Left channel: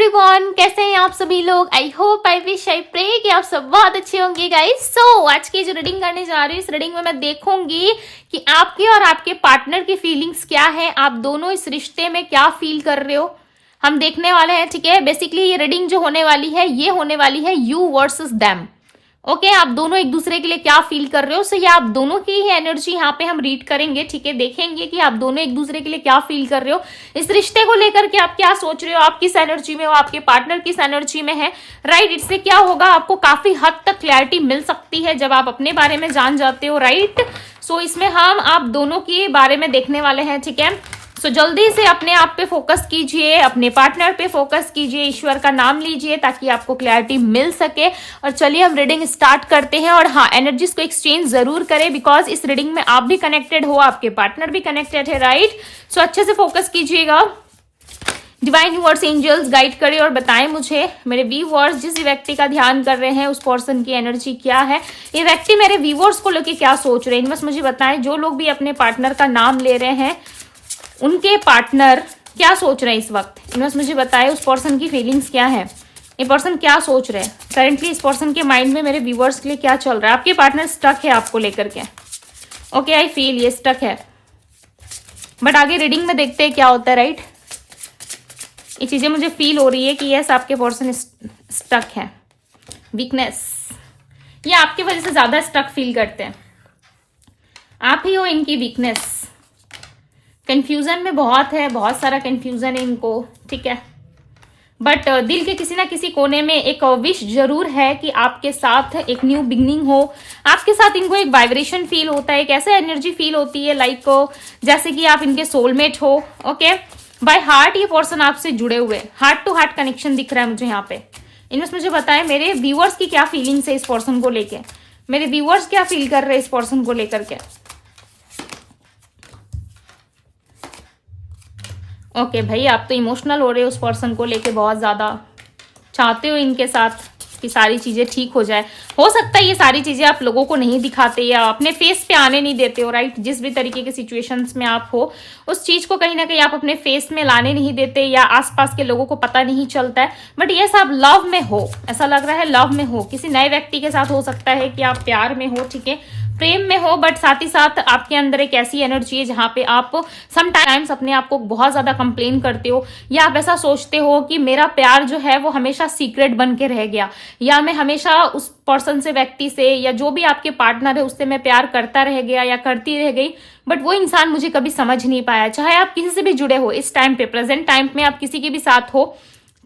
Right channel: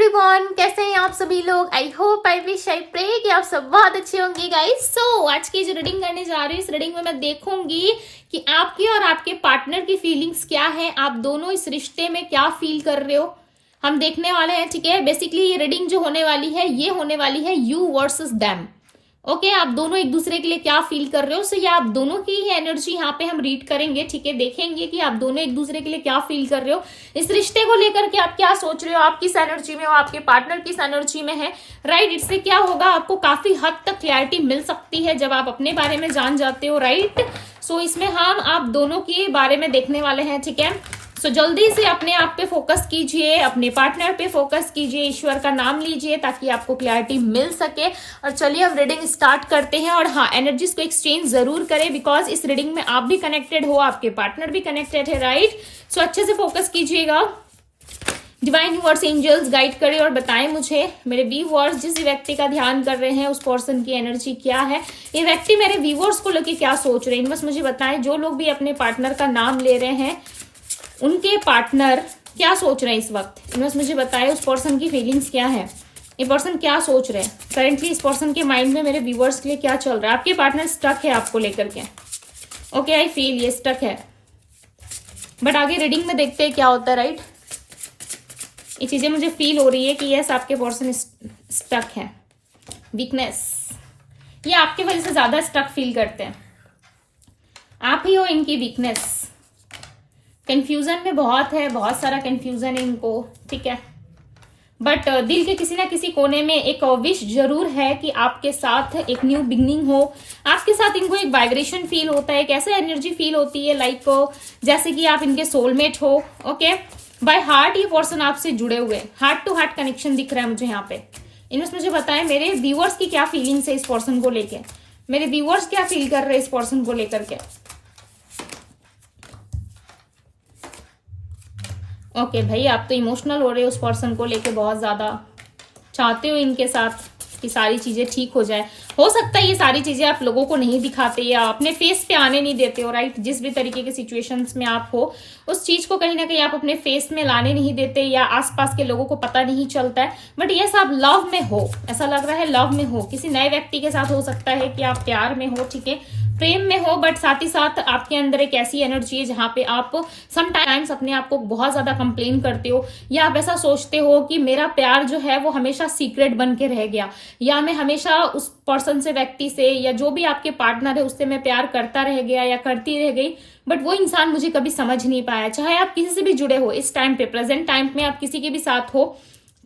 Everyone, कैसे हैं आप सभी लोग। I hope I wish I pray कि आप सब बहुत अच्छे होंगे गाइस। सो आज की जो रीडिंग करने जा रही हूँ, इस रीडिंग में मैं देखूंगी कि आपके और आपके पार्टनर की फीलिंग्स क्या है, आप दोनों इस रिश्ते में क्या फील कर रहे हो, हम देखने वाले हैं। ठीक है, बेसिकली ये रीडिंग जो होने वाली है ये होने वाली है यू वर्सेस देम। ओके आप दोनों एक दूसरे के लिए क्या फील कर रहे हो। सो ये आप दोनों की ही एनर्जी यहाँ पे हम रीड करेंगे। ठीक है, देखेंगे कि आप दोनों एक दूसरे के लिए क्या फील कर रहे हो, इस रिश्ते को लेकर के आप क्या सोच रहे हो, आप किस एनर्जी में हो, आपके पार्टनर किस एनर्जी में है। राइट, इससे क्या होगा, आपको काफी हद तक क्लैरिटी मिल सकती है जब आप अपने बारे में जान जाते हो। राइट, सो इसमें हम आप दोनों के बारे में देखने वाले हैं। ठीक है, सो जल्दी से अपने आप पे फोकस कीजिए, अपने पार्टनर पे फोकस कीजिए, ईश्वर का नाम लीजिए ताकि आपको क्लैरिटी मिल सके। और चलिए हम रीडिंग स्टार्ट करते हैं। और हाँ, एनर्जीज को एक्सचेंज जरूर करें बिकॉज इस रीडिंग में आप भी कनेक्टेड हो, आपके पार्टनर भी कनेक्टेड है। राइट, सो अच्छे से फोकस कीजिएगा। डिवाइन यूनिवर्स एंजल्स गाइड करें और बताएं मुझे, मेरे व्यूअर्स जिस व्यक्ति का ध्यान कर रहे हैं उस पर्सन की एनर्जी क्या है, ये व्यक्ति मेरे व्यूअर्स को लेके क्या सोच रहे हैं, बस मुझे बताएं। जो लोग भी अपने पार्टनर का नाम ले रहे हैं उनके पार्टनर क्या सोच रहे हैं इस वक्त, बस मुझे बताएं। उस पर्सन की फीलिंग्स क्या है, ये पर्सन क्या सोच रहे हैं करेंटली, इस पर्सन के माइंड में मेरे व्यूअर्स के लिए क्या चल रहा है। आपके पार्टनर स्टक है आपको लेकर के। ओके आई फील ये स्टक है, बट आगे रीडिंग में देखते हैं क्या होता है। राइट, ये चीजें मुझे फील हो रही है कि यस आपके पर्सन स्टक है। वीकनेस, ये आपकी वजह से ज्यादा स्टक फील करते हैं, आप ही हो इनकी वीकनेस। कंफ्यूजन में बहुत है, बहुत सारा कंफ्यूजन है इनको। ठीक है, बट दिल के किसी ना किसी कोने में एक विश जरूर है कि आपके साथ एक न्यू बिगनिंग हो। आपके साथ इनको एक वाइब्रेशन फील होता है, एक ऐसा एनर्जी फील होती है लाइक जैसे कि आप इनके सोलमेट हो। ओके, बाय हार्ट ये पर्सन आपसे जुड़े हुए, हार्ट टू हार्ट कनेक्शन दिख रहा है मुझे यहाँ पे। इनमें मुझे बताएं मेरे व्यूअर्स की क्या फीलिंग्स है इस पर्सन को लेके, मेरे व्यूअर्स क्या फील कर रहे हैं इस पर्सन को लेकर के। ओके भाई, आप तो इमोशनल हो रहे हो उस पर्सन को लेके, बहुत ज्यादा चाहते हो इनके साथ कि सारी चीजें ठीक हो जाए। हो सकता है ये सारी चीजें आप लोगों को नहीं दिखाते या अपने फेस पे आने नहीं देते हो। राइट, जिस भी तरीके के सिचुएशंस में आप हो उस चीज को कहीं ना कहीं आप अपने फेस में लाने नहीं देते या आसपास के लोगों को पता नहीं चलता है। बट ये सब लव में हो, ऐसा लग रहा है लव में हो, किसी नए व्यक्ति के साथ हो सकता है कि आप प्यार में हो। ठीक है, प्रेम में हो, बट साथ ही साथ आपके अंदर एक ऐसी एनर्जी है जहां पे आप समटाइम्स अपने आप को बहुत ज्यादा कंप्लेन करते हो या आप ऐसा सोचते हो कि मेरा प्यार जो है वो हमेशा सीक्रेट बन के रह गया, या मैं हमेशा उस पर्सन से, व्यक्ति से, या जो भी आपके पार्टनर है उससे मैं प्यार करता रह गया या करती रह गई, बट वो इंसान मुझे कभी समझ नहीं पाया। चाहे आप किसी से भी जुड़े हो इस टाइम पे, प्रेजेंट टाइम में आप किसी के भी साथ हो,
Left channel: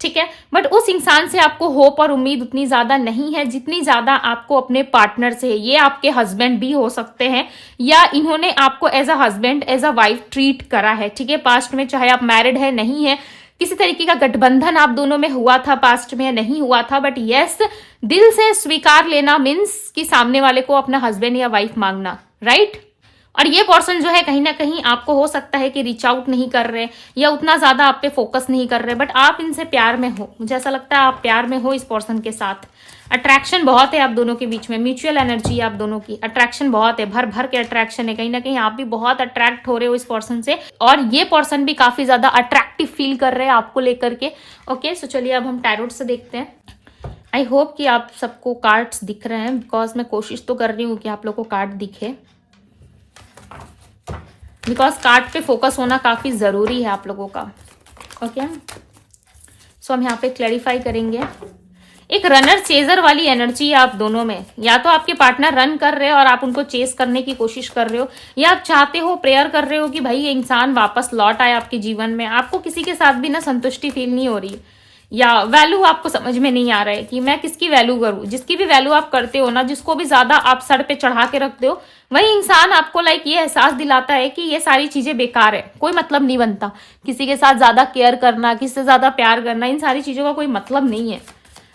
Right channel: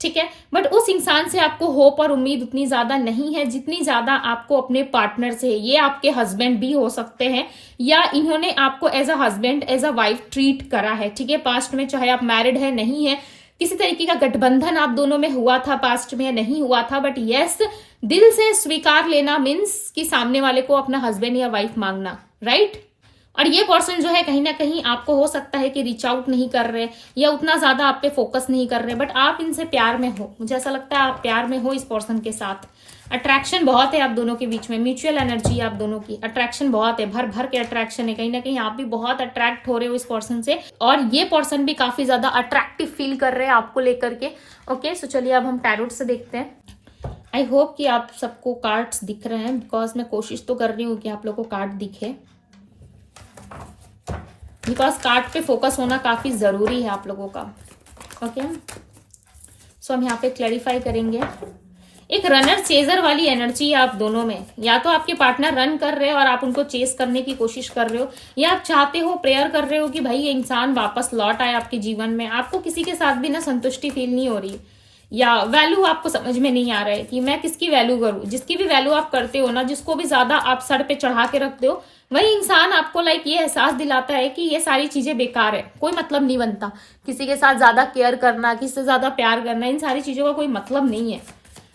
ठीक है, बट उस इंसान से आपको होप और उम्मीद उतनी ज्यादा नहीं है जितनी ज्यादा आपको अपने पार्टनर से है। ये आपके हस्बैंड भी हो सकते हैं या इन्होंने आपको as a husband, as a wife treat करा है। ठीक है, पास्ट में, चाहे आप मैरिड है नहीं है, किसी तरीके का गठबंधन आप दोनों में हुआ था पास्ट में या नहीं हुआ था, बट यस दिल से स्वीकार लेना मीन्स कि सामने वाले को अपना हस्बैंड या वाइफ मांगना। राइट, और ये पर्सन जो है कहीं ना कहीं आपको हो सकता है कि रीच आउट नहीं कर रहे या उतना ज्यादा आप पे फोकस नहीं कर रहे, बट आप इनसे प्यार में हो। मुझे ऐसा लगता है आप प्यार में हो इस पर्सन के साथ। अट्रैक्शन बहुत है आप दोनों के बीच में, म्यूचुअल एनर्जी आप दोनों की, अट्रैक्शन बहुत है, भर भर के अट्रैक्शन है। कहीं ना कहीं आप भी बहुत अट्रैक्ट हो रहे हो इस पर्सन से और ये पर्सन भी काफी ज्यादा अट्रैक्टिव फील कर रहे हैं आपको लेकर के। ओके, सो चलिए अब हम टैरोट से देखते हैं। आई होप कि आप सबको कार्ड्स दिख रहे हैं बिकॉज मैं कोशिश तो कर रही हूँ कि आप लोग को कार्ड दिखे, बिकॉज कार्ड पे फोकस होना काफी जरूरी है आप लोगों का। ओके, सो हम यहाँ पे क्लैरिफाई करेंगे। एक रनर चेजर वाली एनर्जी है आप दोनों में, या तो आपके पार्टनर रन कर रहे हो और आप उनको चेस करने की कोशिश कर रहे हो, या आप चाहते हो, प्रेयर कर रहे हो कि भाई ये इंसान वापस लौट आए आपके जीवन में। आपको किसी के साथ भी ना संतुष्टि फील नहीं हो रही या वैल्यू आपको समझ में नहीं आ रहा है कि मैं किसकी वैल्यू करूं। जिसकी भी वैल्यू आप करते हो ना, जिसको भी ज्यादा आप सर पे चढ़ा के रखते हो, वही इंसान आपको लाइक ये एहसास दिलाता है कि ये सारी चीजें बेकार है, कोई मतलब नहीं बनता। किसी के साथ ज्यादा केयर करना, किसी से ज्यादा प्यार करना, इन सारी चीजों का कोई मतलब नहीं है।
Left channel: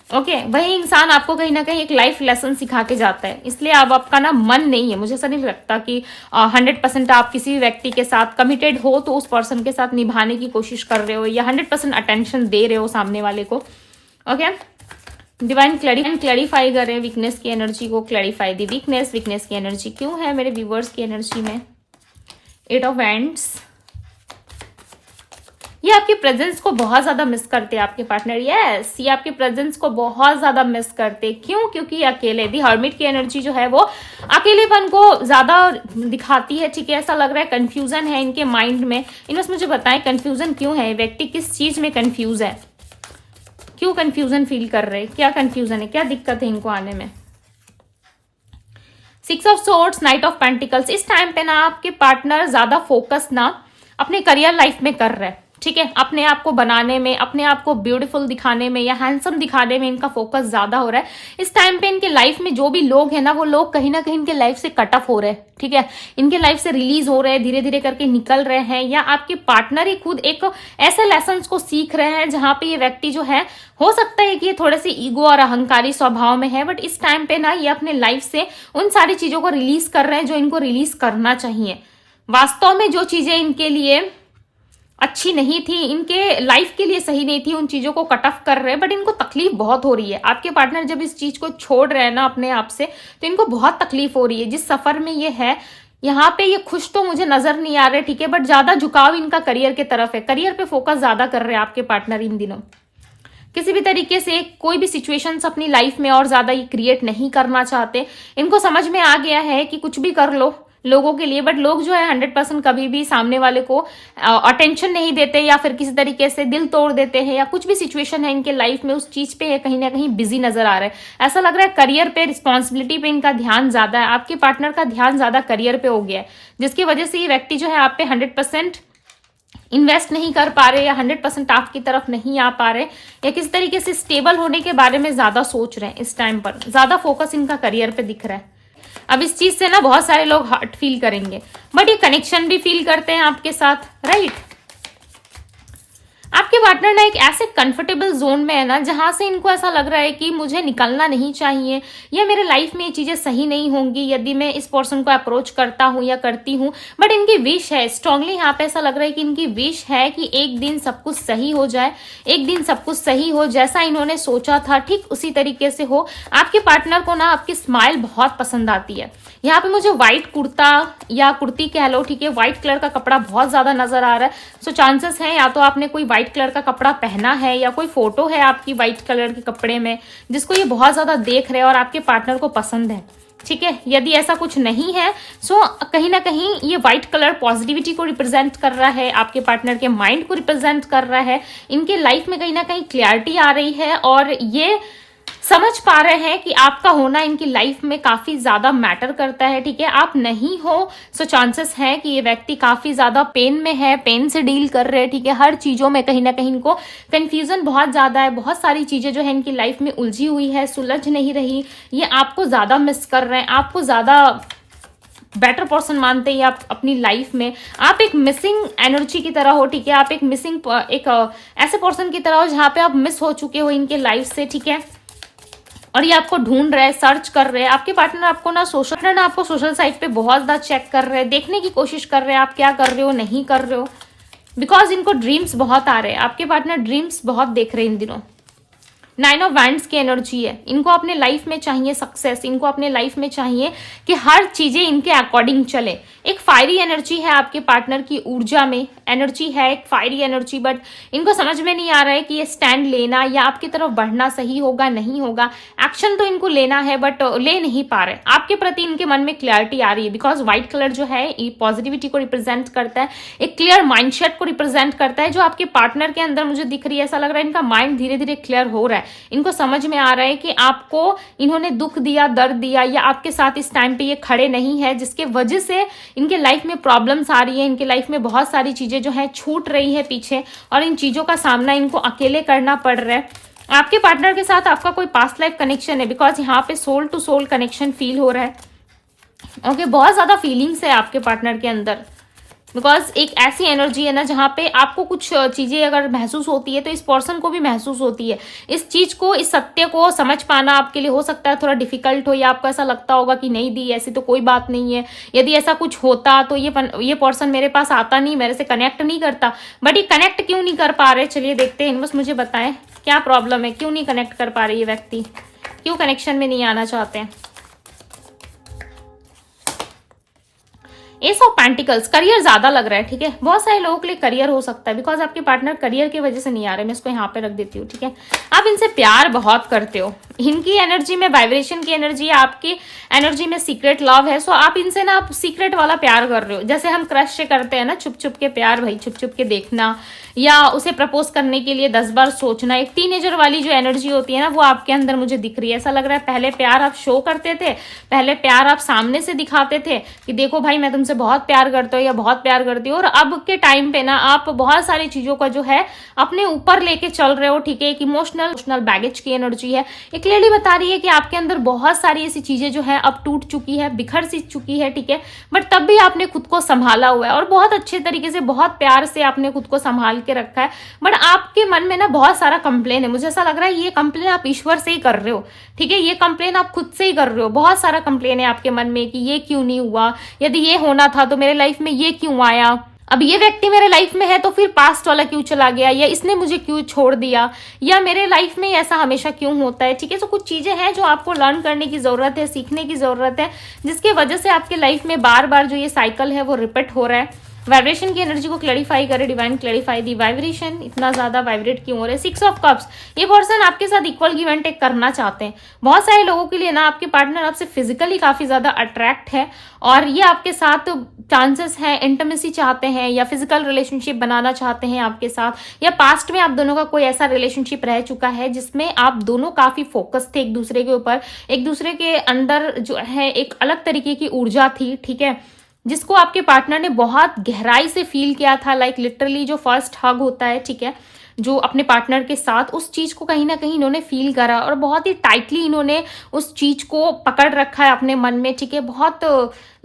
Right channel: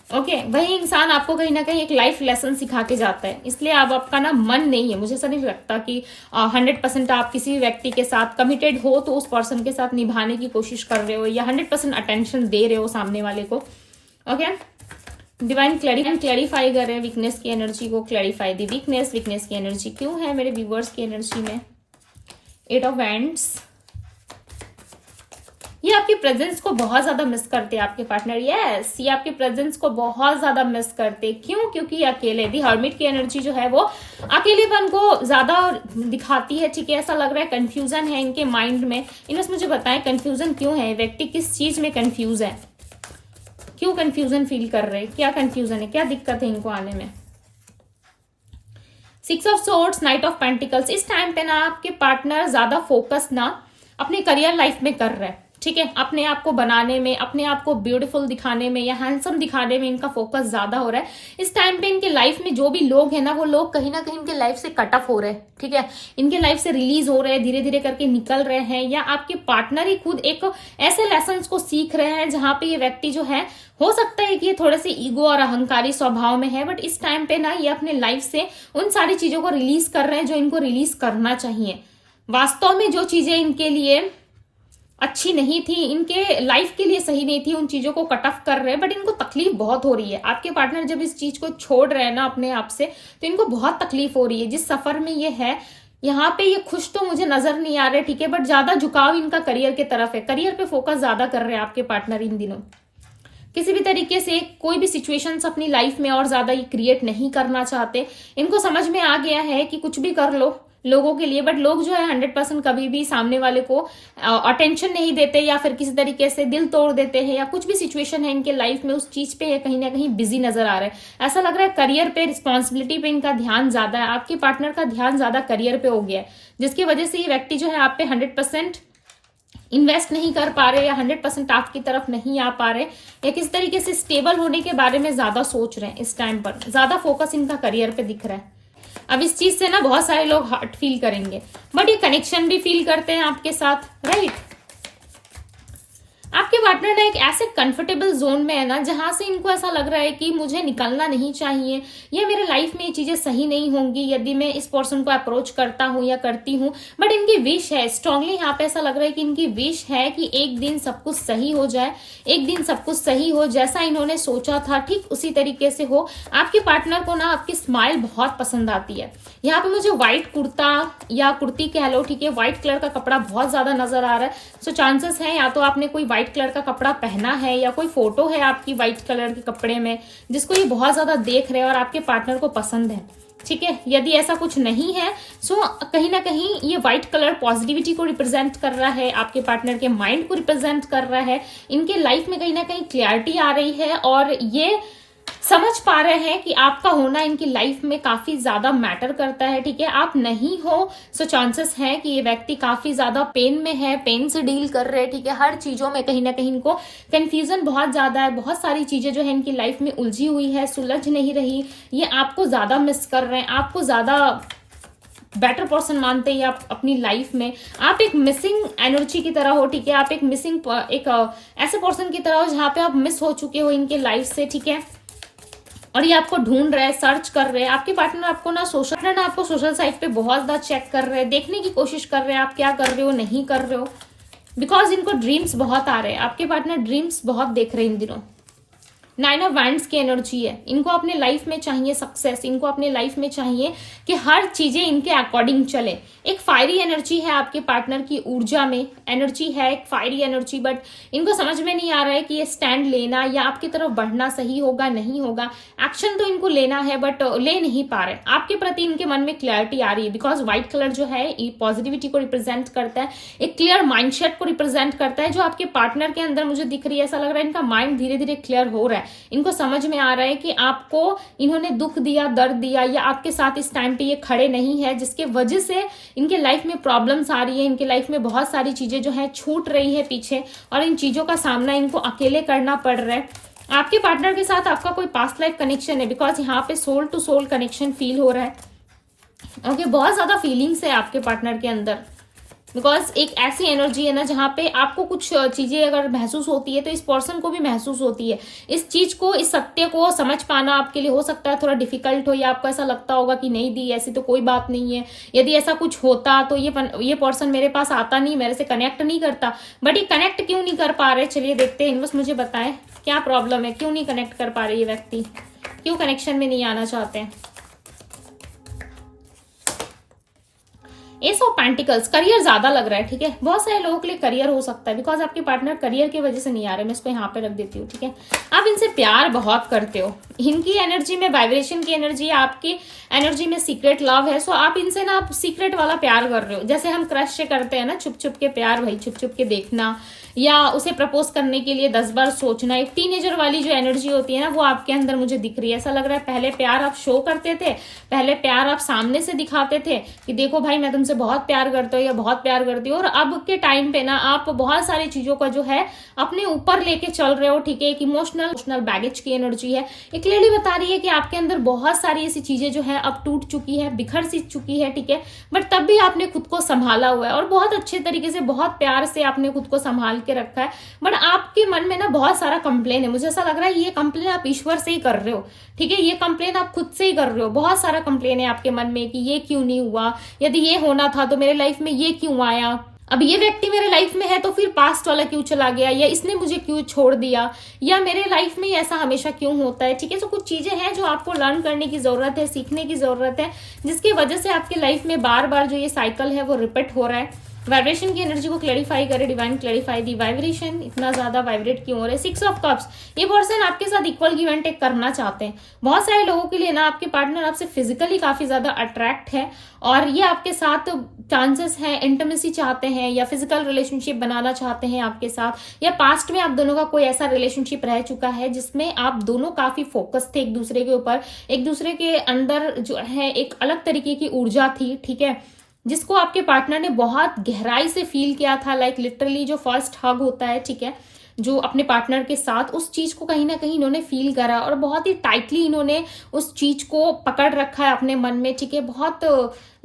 ओके, वही इंसान आपको कहीं ना कहीं एक लाइफ लेसन सिखा के जाता है। इसलिए अब आपका ना मन नहीं है, मुझे ऐसा नहीं लगता कि 100% आप किसी भी व्यक्ति के साथ कमिटेड हो तो उस पर्सन के साथ निभाने की कोशिश कर रहे हो या 100% अटेंशन दे रहे हो सामने वाले को। ओके, डिवाइन क्लैरिफाई कर रहे हैं वीकनेस की एनर्जी को। क्लैरिफाई दी वीकनेस, वीकनेस की एनर्जी क्यों है मेरे व्यूवर्स की एनर्जी में। 8 ऑफ वैंड्स, ये आपके प्रेजेंस को बहुत ज्यादा मिस करते हैं आपके पार्टनर। यस, ये आपके प्रेजेंस को बहुत ज्यादा मिस करते। क्यों? क्योंकि ये अकेले, दी हर्मिट की एनर्जी जो है वो अकेलेपन को ज्यादा दिखाती है। ठीक है, ऐसा लग रहा है कंफ्यूजन है इनके माइंड में। इन्होंने मुझे बताएं कंफ्यूजन क्यों है, व्यक्ति किस चीज में कंफ्यूज है, क्यों कंफ्यूजन फील कर रहे हैं, क्या कंफ्यूजन है, क्या दिक्कत है इनको आने में। 6 of swords, night of pentacles. इस टाइम पे ना आपके पार्टनर ज्यादा फोकस ना अपने करियर लाइफ में कर रहे हैं। ठीक है, अपने आप को बनाने में, अपने आप को ब्यूटीफुल दिखाने में या हैंडसम दिखाने में इनका फोकस ज्यादा हो रहा है। इस टाइम पे इनके लाइफ में जो भी लोग हैं ना, वो लोग कहीं ना कहीं इनके लाइफ से कट ऑफ हो रहे हैं। ठीक है, इनके लाइफ से रिलीज हो रहे हैं, धीरे धीरे करके निकल रहे हैं, या आपके पार्टनर ही खुद एक ऐसे लेसन को सीख रहे हैं जहां पे ये व्यक्ति जो है, हो सकता है कि ये थोड़े से ईगो और अहंकारी स्वभाव में है, बट इस टाइम पे ना ये अपने लाइफ से उन सारी चीजों को रिलीज कर रहे हैं जो इनको रिलीज करना चाहिए। वास्तव में जो चीजें इनके लिए अच्छी नहीं थी, इनके लाइफ के लिए सही नहीं थी, उन चीजों को कट ऑफ कर रहे हैं, बट इनको तकलीफ बहुत हो रही है। आपके पार्टनर जब इस चीज को छोड़ रहे हैं ना अपने आप से, तो इनको बहुत तकलीफ हो रही है। जिस सफर में ये है, यहाँ पे ये खुश तो मुझे नजर नहीं आ रहे। ठीक है, बट ज्यादा झुकाव इनका करियर के तरफ है, करियर पे फोकस ज्यादा कर रहे हैं आपके पार्टनर इन दिनों। किसी भी तरीके से कोई भी सिचुएशंस अपनी लाइफ में और ज्यादा ये क्रिएट नहीं करना चाहते। इनको समझ में आ गया है कि कुछ भी कर लो लोगों के लिए, बट लोग जो है 100% कभी भी सामने वाले को अटेंशन नहीं देते, या फिर किसी तरीके से दिल तोड़ देते हैं, या कुछ भी सिचुएशन है इनके लाइफ में उस चीज पे कहीं ना कहीं बिजी नजर आ रहा है। ऐसा लग रहा है करियर पे, रिस्पॉन्सिबिलिटी पे इनका ध्यान ज्यादा है। आपके पार्टनर का ध्यान ज्यादा करियर पे हो गया है, जिसकी वजह से ये व्यक्ति जो है आप पे 100% इन्वेस्ट नहीं कर पा रहे, या 100% आपकी तरफ नहीं आ पा रहे, या किस तरीके से स्टेबल होने के बारे में ज्यादा सोच रहे हैं। इस टाइम पर ज्यादा फोकस इनका करियर पे दिख रहा है। अब इस चीज से ना बहुत सारे लोग हर्ट फील करेंगे, बट ये कनेक्शन भी फील करते हैं आपके साथ, राइट। आपके पार्टनर ना एक ऐसे कंफर्टेबल जोन में है ना, जहां से इनको ऐसा लग रहा है कि मुझे निकलना नहीं चाहिए, या मेरे लाइफ में ये चीजें सही नहीं होंगी यदि मैं इस पर्सन को अप्रोच करता हूं या करती हूं। बट इनकी विश है, स्ट्रांगली यहाँ पे ऐसा लग रहा है कि इनकी विश है कि एक दिन सब कुछ सही हो जाए, एक दिन सब कुछ सही हो, जैसा इन्होंने सोचा था ठीक उसी तरीके से हो। आपके पार्टनर को ना आपकी स्माइल बहुत पसंद आती है। यहाँ पे मुझे व्हाइट कुर्ता या कुर्ती कह लो, ठीक है, व्हाइट कलर का कपड़ा बहुत ज्यादा नजर आ रहा है। सो चांसेस है या तो आपने कोई व्हाइट कलर का कपड़ा पहना है, या कोई फोटो है आपकी व्हाइट कलर के कपड़े में जिसको ये बहुत ज्यादा देख रहे हैं और आपके पार्टनर को पसंद है। ठीक है, यदि ऐसा कुछ नहीं है, सो कहीं ना कहीं ये व्हाइट कलर पॉजिटिविटी को रिप्रेजेंट कर रहा है, आपके पार्टनर के माइंड को रिप्रेजेंट कर रहा है। इनके लाइफ में कहीं ना कहीं क्लैरिटी आ रही है, और ये समझ पा रहे हैं कि आपका होना इनकी लाइफ में काफी ज्यादा मैटर करता है। ठीक है, आप नहीं हो, सो चांसेस है कि ये व्यक्ति काफी ज्यादा पेन में है, पेन से डील कर रहे हैं। ठीक है, हर चीजों में कहीं ना कहीं इनको कंफ्यूजन बहुत ज्यादा है, बहुत सारी चीजें जो है इनकी लाइफ में उलझी हुई है, सुलझ नहीं रही। ये आपको ज्यादा मिस कर रहे हैं, आपको ज्यादा बेटर पर्सन मानते हैं आप अपनी लाइफ में। आप एक मिसिंग एनर्जी की तरह हो। ठीक है, आप एक मिसिंग ऐसे पर्सन की तरह हो जहां पे आप मिस हो चुके हो इनके लाइफ से। ठीक है, और ये आपको ढूंढ रहे हैं, सर्च कर रहे हैं। आपके पार्टनर आपको सोशल साइट पे बहुत ज्यादा चेक कर रहे हैं, देखने की कोशिश कर रहे हैं आप क्या कर रहे हो, नहीं कर रहे हो, बिकॉज इनको ड्रीम्स बहुत आ रहे हैं। आपके पार्टनर ड्रीम्स बहुत देख रहे हैं इन दिनों। 9 ऑफ वांड्स की एनर्जी है। इनको अपने लाइफ में चाहिए सक्सेस, इनको अपने लाइफ में चाहिए कि हर चीजें इनके अकॉर्डिंग चले। एक फायरी एनर्जी है आपके पार्टनर की ऊर्जा में, एनर्जी है एक फायरी एनर्जी, बट इनको समझ में नहीं आ रहा है कि ये स्टैंड लेना या आपकी तरफ बढ़ना सही होगा नहीं होगा। एक्शन तो इनको लेना है, बट ले नहीं पा रहे। आपके प्रति इनके मन में क्लैरिटी आ रही है, बिकॉज व्हाइट कलर जो है ये पॉजिटिविटी को रिप्रेजेंट करता है, एक क्लियर माइंडसेट को रिप्रेजेंट करता है, जो आपके पार्टनर के अंदर मुझे दिख रही है। ऐसा लग रहा है इनका माइंड धीरे धीरे क्लियर हो रहा है। इनको समझ में आ रहा है कि आपको इन्होंने दुख दिया, दर्द दिया, या आपके साथ इस टाइम पे ये खड़े नहीं है, जिसके वजह से इनके लाइफ में प्रॉब्लम्स आ रही है। इनके लाइफ में बहुत सारी चीजें जो है छूट रही है पीछे, और इन चीजों का सामना इनको अकेले करना पड़ रहा है। आपके पार्टनर के साथ आपका कोई पास्ट लाइफ कनेक्शन है, बिकॉज यहाँ पे soul to soul connection feel हो रहा है। ओके, बहुत ज्यादा फीलिंग्स है आपके पार्टनर के अंदर, बिकॉज एक ऐसी एनर्जी है ना जहाँ पे आपको कुछ चीजें अगर महसूस होती है तो इस पर्सन को भी महसूस होती है। इस चीज को, इस सत्य को समझ पाना आपके लिए हो सकता है थोड़ा डिफिकल्ट हो, या आपको ऐसा लगता होगा कि नहीं दी ऐसी तो कोई बात नहीं है, यदि ऐसा कुछ होता तो ये पर्सन मेरे पास आता नहीं, मेरे से कनेक्ट नहीं करता। बट ये कनेक्ट क्यों नहीं कर पा रहे, चलिए देखते हैं। बस मुझे बताएं क्या प्रॉब्लम है, क्यों नहीं कनेक्ट कर पा रहे ये व्यक्ति, क्यों कनेक्शन में नहीं आना चाहते हैं। एस ऑफ पेंटिकल्स, करियर ज्यादा लग रहा है, ठीक है। बहुत सारे लोगों के लिए करियर हो सकता है, बिकॉज आपके पार्टनर करियर की वजह से नहीं आ रहे। मैं इसको यहाँ पे रख देती हूँ, ठीक है। आप इनसे प्यार बहुत करते हो, इनकी एनर्जी में वाइब्रेशन की एनर्जी है, आपकी एनर्जी में सीक्रेट लव है। सो आप इनसे ना आप सीक्रेट वाला प्यार कर रहे हो, जैसे हम क्रश से करते हैं ना, छुप छुप के प्यार, भाई छुप छुप के देखना, या उसे प्रपोज करने के लिए 10 बार सोचना। एक टीनेजर वाली जो एनर्जी होती है ना, वो आपके अंदर मुझे दिख रही है। ऐसा लग रहा है पहले प्यार आप शो करते थे, पहले प्यार आप सामने से दिखाते थे कि देखो भाई मैं तुमसे बहुत प्यार करता हूँ या बहुत प्यार करती हूँ, और अब के टाइम पे ना आप बहुत सारी चीजों का जो है अपने ऊपर लेके चल रहे हो, ठीक है। एक इमोशनल बैगेज की एनर्जी है। एक लेडी बता रही है कि आपके अंदर बहुत सारी ऐसी चीजें जो है अब टूट चुकी है, बिखर सी चुकी है, ठीक है। बट तब भी आपने खुद को संभाला हुआ है और बहुत अच्छे तरीके से, बहुत प्यार से आपने खुद को संभाल के रखा है। बट आपके मन में ना बहुत सारा कंप्लेन है। मुझे ऐसा लग रहा है ये कंप्लेन आप ईश्वर से ही कर रहे हो, ठीक है। ये कंप्लेन आप खुद से ही कर रहे हो। बहुत सारा कंप्लेन है आपके मन में कि ये क्यों नहीं हुआ, यदि ये होना था तो मेरे लाइफ में ये क्यों आया, अब ये व्यक्ति मेरे लाइफ में है तो फिर पास्ट वाला क्यों चला गया, या इसने मुझे क्यों छोड़ दिया, या मेरे लाइफ में ऐसा हमेशा क्यों होता है, ठीक है। तो कुछ चीजें हैं जो आपको लर्न करने की जरूरत है, सीखने की जरूरत है, जिसकी वजह से आपके लाइफ में बार बार जो ये साइकिल है वो रिपीट हो रहा है। वाइब्रेशन की एनर्जी को क्लैरिफाई करे, डिवाइन क्लैरिफाई दी वाइब्रेशन, इतना ज्यादा वाइब्रेट क्यों हो रहा है। 6 ऑफ कप्स, ये पर्सन आपके साथ इक्वल गिव एंड टेक करना चाहते हैं। बहुत सारे लोगों के लिए ना आपके पार्टनर आपसे फिजिकली काफी ज्यादा अट्रैक्ट है और ये आपके साथ चांसेस है इंटीमेसी चाहते हैं या फिजिकल रिलेशनशिप बनाना चाहते हैं आपके साथ, या पास्ट में आप दोनों का कोई ऐसा रिलेशनशिप रह चुका है जिसमें आप दोनों काफी फोकस थे एक दूसरे के ऊपर, एक दूसरे के अंदर जो है एक अलग तरीके की ऊर्जा थी, ठीक है, जिसको आपके पार्टनर ने बहुत गहराई से फील किया था। लाइक लिटरली जो फर्स्ट हग होता है, ठीक है, जो अपने पार्टनर के साथ, उस चीज को कहीं ना कहीं इन्होंने फील करा और बहुत ही टाइटली इन्होंने उस चीज को पकड़ रखा है अपने मन में, ठीक है। बहुत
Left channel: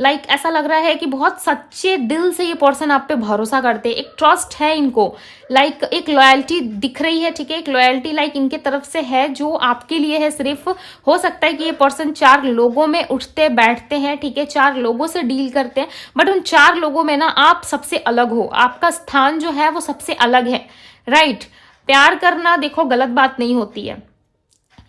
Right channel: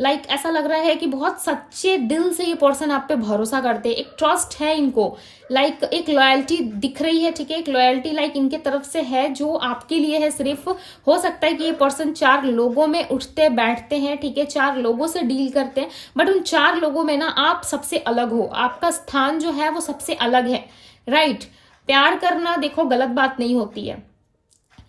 लाइक ऐसा लग रहा है कि बहुत सच्चे दिल से ये पर्सन आप पे भरोसा करते हैं, एक ट्रस्ट है इनको, लाइक एक लॉयल्टी दिख रही है, ठीक है। एक लॉयल्टी लाइक इनके तरफ से है जो आपके लिए है। सिर्फ हो सकता है कि ये पर्सन 4 लोगों में उठते बैठते हैं, ठीक है, 4 लोगों से डील करते हैं, बट उन 4 लोगों में ना आप सबसे अलग हो, आपका स्थान जो है वो सबसे अलग है, राइट। प्यार करना देखो गलत बात नहीं होती है।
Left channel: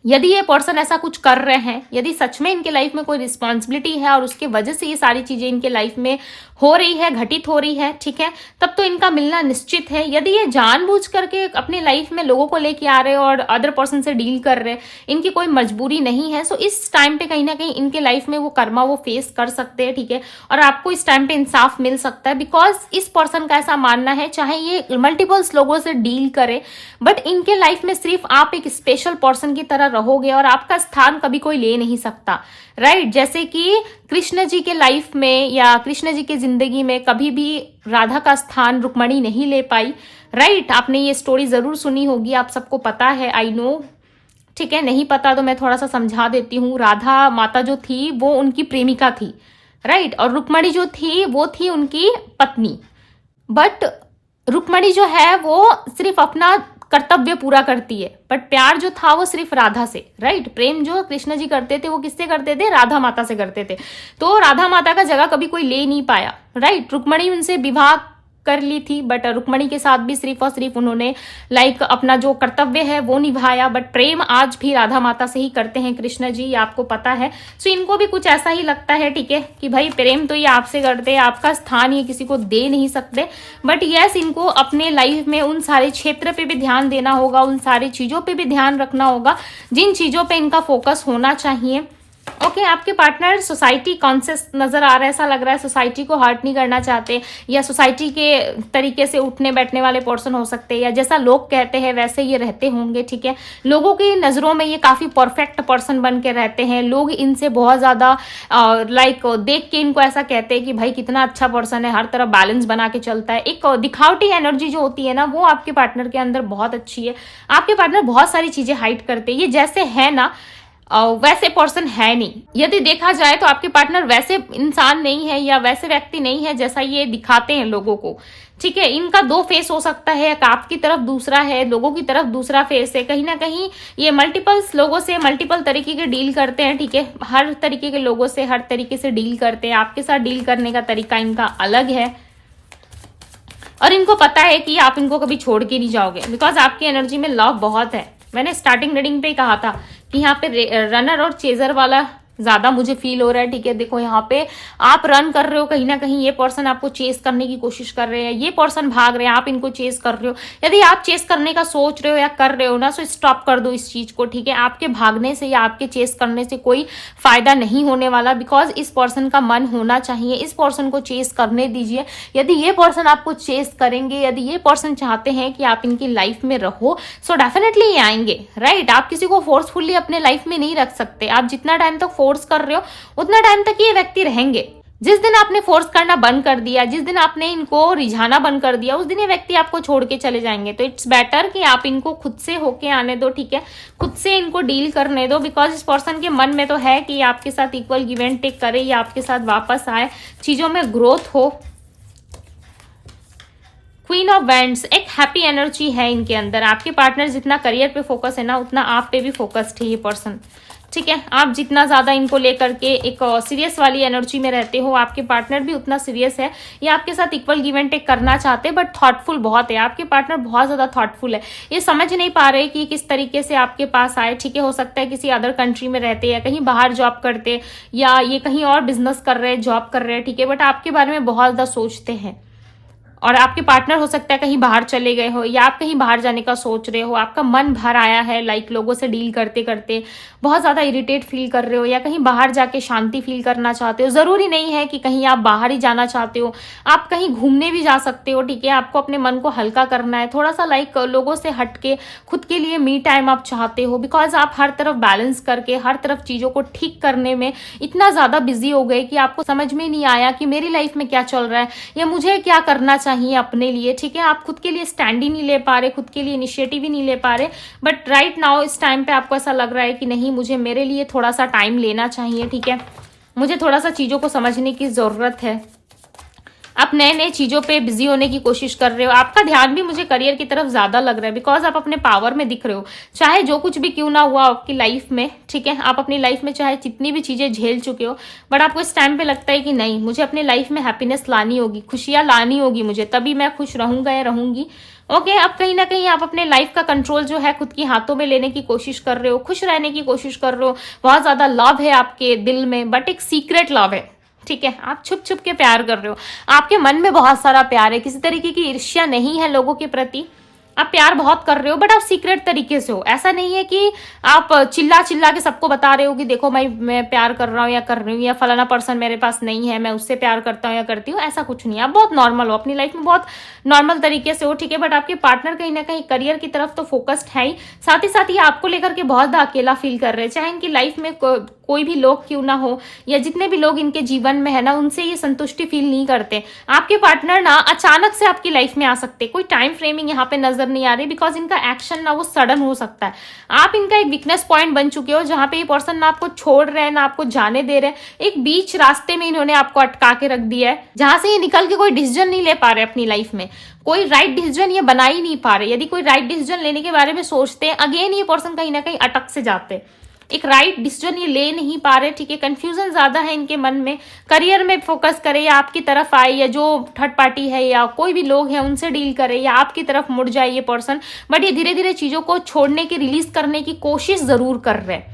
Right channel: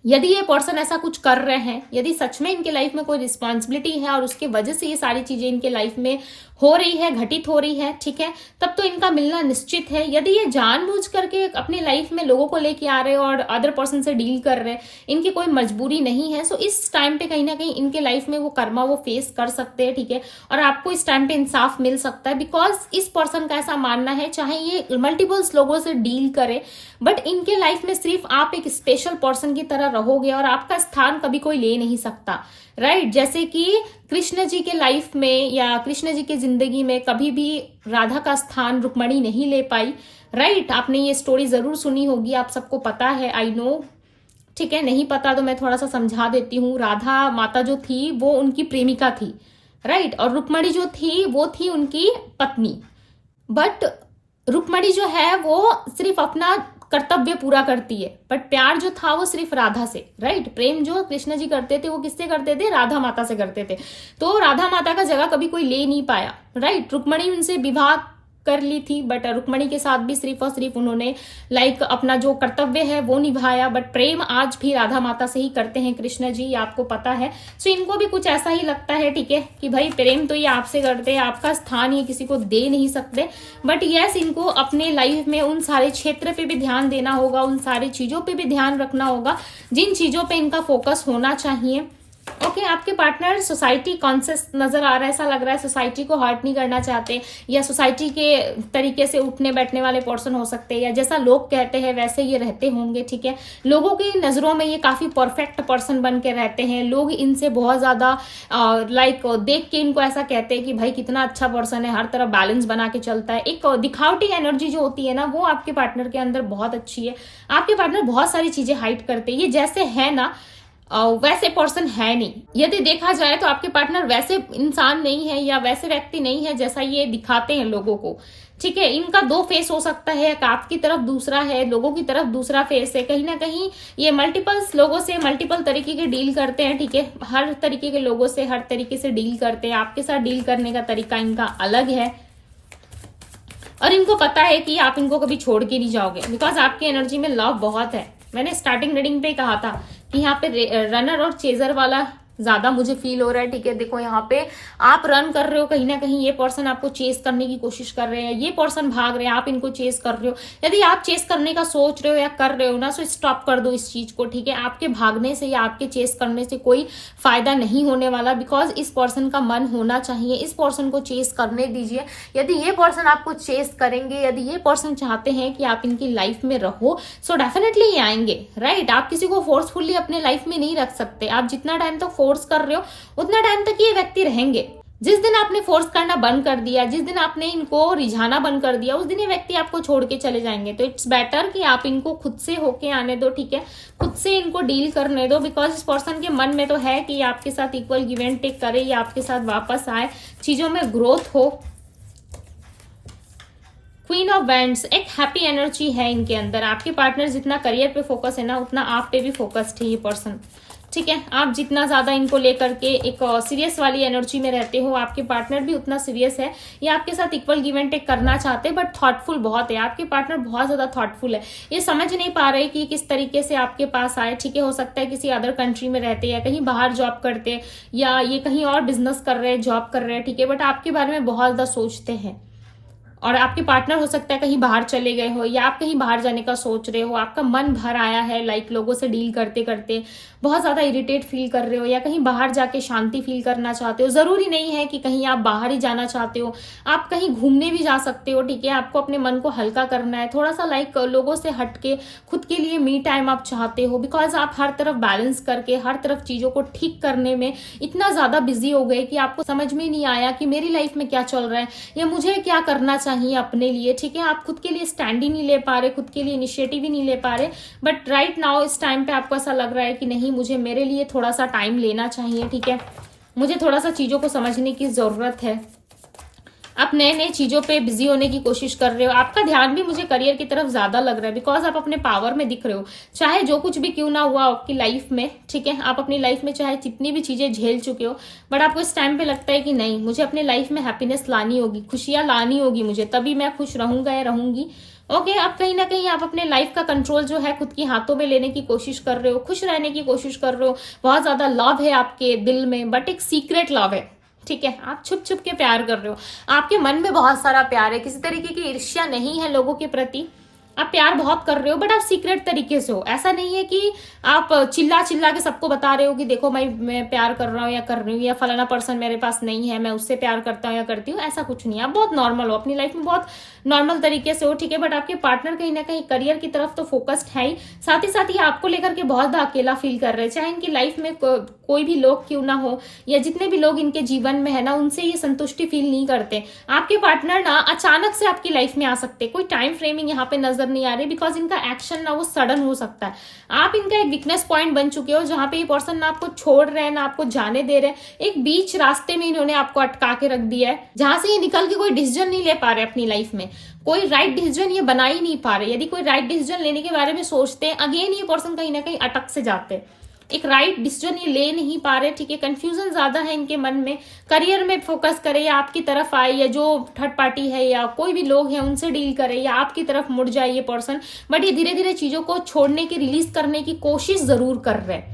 यदि ये पर्सन ऐसा कुछ कर रहे हैं, यदि सच में इनके लाइफ में कोई रिस्पॉन्सिबिलिटी है और उसके वजह से ये सारी चीजें इनके लाइफ में हो रही है, घटित हो रही है, ठीक है, तब तो इनका मिलना निश्चित है। यदि ये जानबूझ करके अपनी लाइफ में लोगों को लेके आ रहे हैं और अदर पर्सन से डील कर रहे हैं, इनकी कोई मजबूरी नहीं है, सो इस टाइम पे कहीं ना कहीं इनके लाइफ में वो कर्मा वो फेस कर सकते हैं, ठीक है, और आपको इस टाइम पे इंसाफ मिल सकता है। बिकॉज इस पर्सन का ऐसा मानना है, चाहे ये मल्टीपल्स लोगों से डील करे, बट इनके लाइफ में सिर्फ आप एक स्पेशल पर्सन की तरह रहोगे और आपका स्थान कभी कोई ले नहीं सकता, राइट। जैसे कि कृष्ण जी के लाइफ में या कृष्ण जी के जिंदगी में कभी भी राधा का स्थान रुक्मणी नहीं ले पाई, राइट। आपने ये स्टोरी जरूर सुनी होगी, आप सबको पता है, आई नो, ठीक है। नहीं पता तो मैं थोड़ा सा समझा देती हूँ। राधा माता जो थी वो उनकी प्रेमिका थी, राइट, और रुक्मणी जो थी वो थी उनकी पत्नी। बट रुक्मणी जो है वो सिर्फ अपना कर्तव्य पूरा करती है, बट प्यार जो था वो सिर्फ राधा से, राइट। प्रेम जो कृष्ण जी करते थे वो किससे करते थे, राधा माता से करते थे। तो राधा माता का जगह कभी कोई ले नहीं पाया, राइट। रुक्मणी उनसे विवाह कर ली थी, बट रुक्मणी के साथ भी सिर्फ और सिर्फ उन्होंने लाइक अपना जो कर्तव्य है वो निभाया, बट प्रेम आज भी राधा माता से ही करते हैं कृष्ण जी, आपको पता है। सो इनको भी कुछ ऐसा ही लगता है, ठीक है, कि भाई प्रेम तो ये आपसे करते हैं, आपका स्थान ये किसी को दे नहीं सकते। बट यस, इनको अपने लाइफ में उन सारे क्षेत्र पे भी ध्यान देना होगा, उन सारी चीजों पे भी ध्यान रखना होगा जिन चीजों पे इनका फोकस होना चाहिए। ओके, आपके पार्टनर सोसाइटी कॉन्शियस नजर आ रहा है, ऐसा लग रहा है सोसाइटी को हर्ट नहीं करना चाहते, या सोसाइटी के तरीके से उठने बैठने वाले पर्सन हो सकते हैं, या जैसा लोग कहते हैं वैसे ये रहते होंगे, ठीक है। लोगों की नजरों में ये काफी परफेक्ट पर्सन बन के रहते हैं, लोग इनसे बहुत ज्यादा लाइक देख के इनको ऐसा कहते हैं कि भाई कितना अच्छा पर्सन है, हर तरफ बैलेंस बना के चलता है। एक दिखावटी एनर्जी जो होती है ना वो आपके पार्टनर के अंदर बहुत अच्छी है। आपके पार्टनर बहुत सारी चीजें हाइड करते हैं, ये जैसे है ना वैसे पर्सन है नहीं। यदि देखा जाए तो आपके पार्टनर वैसे इंसान नहीं है या वैसे व्यक्ति नहीं है जैसा ये दिखाते हैं लोगों को, ठीक है। इनका 2 फेस हो सकता है, एक आपकी तरफ दूसरा है, लोगों की तरफ दूसरा फेस है। कहीं ना कहीं ये मल्टीपल्स लोगों से मल्टीपल तरीके के डील करते हैं, ठीक है, हर तरीके के लोगों से हर तरीके से डील करते हैं। आपके साथ डील करने का तरीका इनका अलग है और इनको पता है कि आप इनको कभी छोड़ के नहीं जाओगे, बिकॉज आपकी एनर्जी में लव बहुत है। मैंने स्टार्टिंग रीडिंग पे कहा था कि यहाँ पे रनर और चेजर वाला ज्यादा मुझे फील हो रहा है। ठीक है, देखो यहाँ पे आप रन कर रहे हो कहीं ना कहीं, ये पर्सन आपको चेस करने की कोशिश कर रहे हैं, ये पर्सन भाग रहे हैं, आप इनको चेस कर रहे हो। यदि आप चेस करने का सोच रहे हो या कर रहे हो ना, तो स्टॉप कर दो इस चीज को। ठीक है, आपके भागने से या आपके चेस करने से कोई फायदा नहीं होने वाला, बिकॉज इस पर्सन का मन होना चाहिए, इस पर्सन को चेस करने दीजिए। यदि ये पर्सन आपको चेस करेंगे, यदि ये पर्सन चाहते हैं कि आप इनकी लाइफ में रहो, सो डेफिनेटली ये आएंगे, राइट। आप किसी को फोर्सफुली अपने लाइफ में नहीं रख सकते। आप जितना टाइम तक फोर्स कर रहे हो उतना टाइम तक ये व्यक्ति रहेंगे। जिस दिन आपने फोर्स करना बंद कर दिया, जिस दिन आपने इनको रिझाना बंद कर दिया, उस दिन ये व्यक्ति आपको छोड़ के चले जाएंगे। तो इट्स बेटर कि आप इनको खुद से होके आने दो। ठीक है, खुद से इनको डील करने दो, बिकॉज इस पर्सन के मन में तो है कि आपके साथ इक्वल गिव एंड टेक करे या आपके साथ वापस आए, चीजों में ग्रोथ हो। क्वीन ऑफ वैंड्स, एक हैप्पी एनर्जी है इनके अंदर। आपके पार्टनर जितना करियर पे फोकस है ना, उतना आप पे भी फोकस्ड है ये पर्सन। ठीक है, आप जितना ज्यादा इनको लेकर के एक सीरियस वाली एनर्जी में रहते हो, आपके पार्टनर भी उतना सीरियस है। ये आपके साथ इक्वल गिव एंड टेक करना चाहते हैं, बट थॉटफुल बहुत है। आपके पार्टनर बहुत ज्यादा थॉटफुल है। ये समझ नहीं पा रहे कि किस तरीके से आपके पास आए। ठीक है, हो सकता है किसी अदर कंट्री में रहते या कहीं बाहर जॉब करते, या ये कहीं और बिजनेस कर रहे हैं, जॉब कर रहे हैं। ठीक है, बट आपके बारे में बहुत ज्यादा सोचते हैं। और आपके पार्टनर हो सकता है कहीं बाहर चले गए हो, या आप कहीं बाहर जाने का सोच रहे हो, आपका मन भर आया है, लाइक लोगों से डील करते करते बहुत ज्यादा इरिटेट फील कर रहे हो, या कहीं बाहर जाके शांति फील करना चाहते हो। जरूरी नहीं है कि कहीं आप बाहर ही जाना चाहते हो, आप कहीं घूमने भी जा सकते हो। ठीक है, आपको अपने मन को हल्का करना है, थोड़ा सा लाइक लोगों से हटके खुद के लिए मी टाइम आप चाहते हो, बिकॉज आप हर तरफ बैलेंस करके हर तरफ चीजों को ठीक करने में इतना ज्यादा बिजी हो गए कि आपको समझ में नहीं आया कि मेरी लाइफ में क्या चल रहा है या मुझे क्या करना चाहिए अपने लिए। ठीक है, आप खुद के लिए स्टैंड ही नहीं ले पा रहे, खुद के लिए इनिशिएटिव ही नहीं ले पा रहे। बट राइट नाउ इस टाइम पे आपको ऐसा लग रहा है कि नहीं, मुझे मेरे लिए थोड़ा सा टाइम लेना चाहिए। ठीक है, मुझे थोड़ा सा चीजों को समझने की जरूरत है। आप नए नए चीजों पे बिजी होने की कोशिश कर रहे हो। आपका ध्यान भी मुझे करियर की तरफ ज्यादा लग रहा है, बिकॉज आप अपने पावर में दिख रहे हो। चाहे जो कुछ भी क्यों ना हुआ आपकी लाइफ में, ठीक है, आप अपनी लाइफ में चाहे जितनी भी चीजें झेल चुके हो, बट आपको इस टाइम पे लगता है कि नहीं, मुझे अपनी लाइफ में हैप्पीनेस लानी होगी, खुशियां लानी होगी मुझे, तभी मैं खुश रहूंगा या रहूंगी। ओके, अब कहीं ना कहीं आप अपने लाइफ का कंट्रोल जो है खुद के हाथों में लेने की कोशिश कर रहे हो, खुश रहने की कोशिश कर रहे हो। बहुत ज्यादा लव है आपके दिल में, बट एक सीक्रेट लव है। ठीक है, आप छुप छुप के प्यार कर रहे हो, आपके मन में बहुत सारा प्यार है, किसी तरीके की ईर्ष्या नहीं है लोगों के प्रति। आप प्यार बहुत कर रहे हो, बट आप सीक्रेट तरीके से हो। ऐसा नहीं है कि आप चिल्ला चिल्ला के सबको बता रहे हो कि देखो मैं प्यार कर रहा हूँ या कर रही हूँ, या फलाना पर्सन मेरे पास नहीं है, मैं उससे प्यार करता हूँ या करती हूँ। ऐसा कुछ नहीं है, आप बहुत नॉर्मल हो, अपनी लाइफ में बहुत नॉर्मल तरीके से हो। ठीक है, बट आपके पार्टनर कहीं ना कहीं करियर की तरफ तो फोकस्ड है ही, साथ ही आपको लेकर के बहुत ज्यादा अकेला फील कर रहे हैं। चाहे इनकी लाइफ में कोई भी लोग क्यों ना हो, या जितने भी लोग इनके जीवन में है ना, उनसे ये संतुष्टि फील नहीं करते। आपके पार्टनर ना अचानक से आपकी लाइफ में आ सकते, कोई टाइम फ्रेमिंग यहाँ पे नजर नहीं आ रही, बिकॉज इनका एक्शन ना वो सडन हो सकता है। आप इनका एक वीकनेस पॉइंट बन चुके हो, जहां पे ये पर्सन ना आपको छोड़ रहे हैं ना आपको जाने दे रहे हैं। एक बीच रास्ते में इन्होंने आपको अटका के रख दिया है, जहां से ये निकल के कोई डिसीजन नहीं ले पा रहे अपनी लाइफ में, कोई राइट डिसीजन ये बना ही नहीं पा रहे। यदि कोई राइट डिसीजन लेने के बारे में सोचते हैं, अगेन ये पर्सन कहीं ना कहीं अटक से जाते हैं, एक राइट डिसीजन ये ले नहीं पा रहे। ठीक है, कंफ्यूजन ज्यादा है इनके मन में। करियर में फोकस करे या आपकी तरफ आए, या जो थर्ड पार्टी है या कोई भी लोग हैं उनसे डील करे, या आपकी तरफ मुड़ जाए ये पर्सन, बट ये धीरे धीरे चीजों को छोड़ने की, रिलीज करने की कोशिश जरूर कर रहे हैं।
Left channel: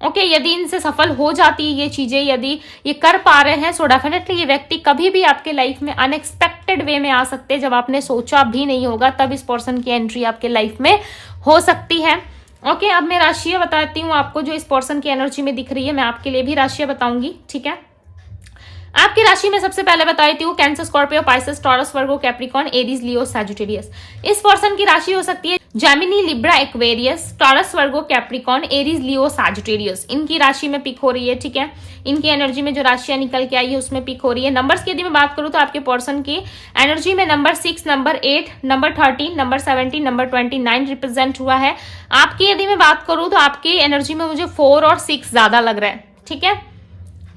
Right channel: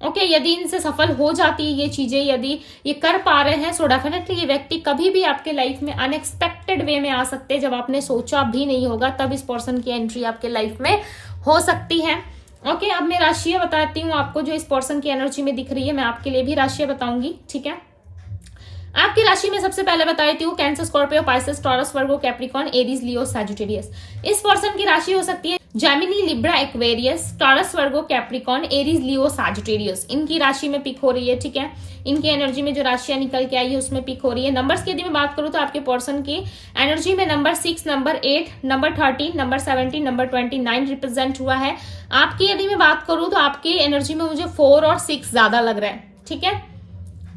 ओके, यदि इनसे सफल हो जाती है ये चीजें, यदि ये कर पा रहे हैं, सो डेफिनेटली ये व्यक्ति कभी भी आपके लाइफ में अनएक्सपेक्टेड वे में आ सकते हैं, जब आपने सोचा भी नहीं होगा, तब इस पर्सन की एंट्री आपके लाइफ में हो सकती है। ओके, अब मैं राशियां बताती हूँ आपको जो इस पर्सन की एनर्जी में दिख रही है। मैं आपके लिए भी राशियां बताऊंगी। ठीक है, आपकी राशि में सबसे पहले बता देती हूँ कैंसर, स्कॉर्पियो, पाइसेस, टॉरस, वर्गो, कैप्रिकॉर्न, एरीज, लियो, सैजिटेरियस। इस पर्सन की राशि हो सकती है जेमिनी, लिब्रा, एक्वेरियस, टॉरस, वर्गो, कैप्रिकॉर्न, एरीज, लियो, सैजिटेरियस। इनकी राशि में पिक हो रही है। ठीक है, इनकी एनर्जी में जो राशियां निकल के आई है उसमें पिक हो रही है। नंबर्स की यदि मैं बात करूं तो आपके पर्सन की एनर्जी में number 6, number 8, number 13, number 17, number 29 represent हुआ है। आपकी यदि मैं बात करूं तो आपकी एनर्जी में मुझे 4 और 6 ज्यादा लग रहा है। ठीक है,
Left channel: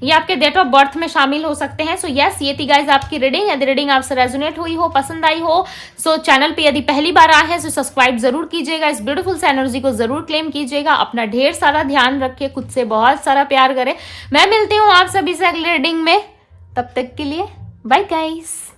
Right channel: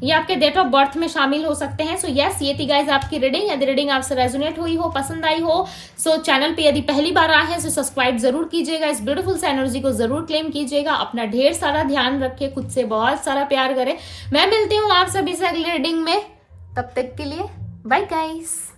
ये आपके डेट ऑफ बर्थ में शामिल हो सकते हैं। सो यस, ये थी गाइज आपकी रीडिंग। यदि रीडिंग आपसे रेजोनेट हुई हो, पसंद आई हो, सो चैनल पे यदि पहली बार आए हैं तो सब्सक्राइब जरूर कीजिएगा। इस ब्यूटीफुल से एनर्जी को जरूर क्लेम कीजिएगा। अपना ढेर सारा ध्यान रखे, खुद से बहुत सारा प्यार करें। मैं मिलती हूँ आप सभी से अगली रीडिंग में, तब तक के लिए बाय गाइस।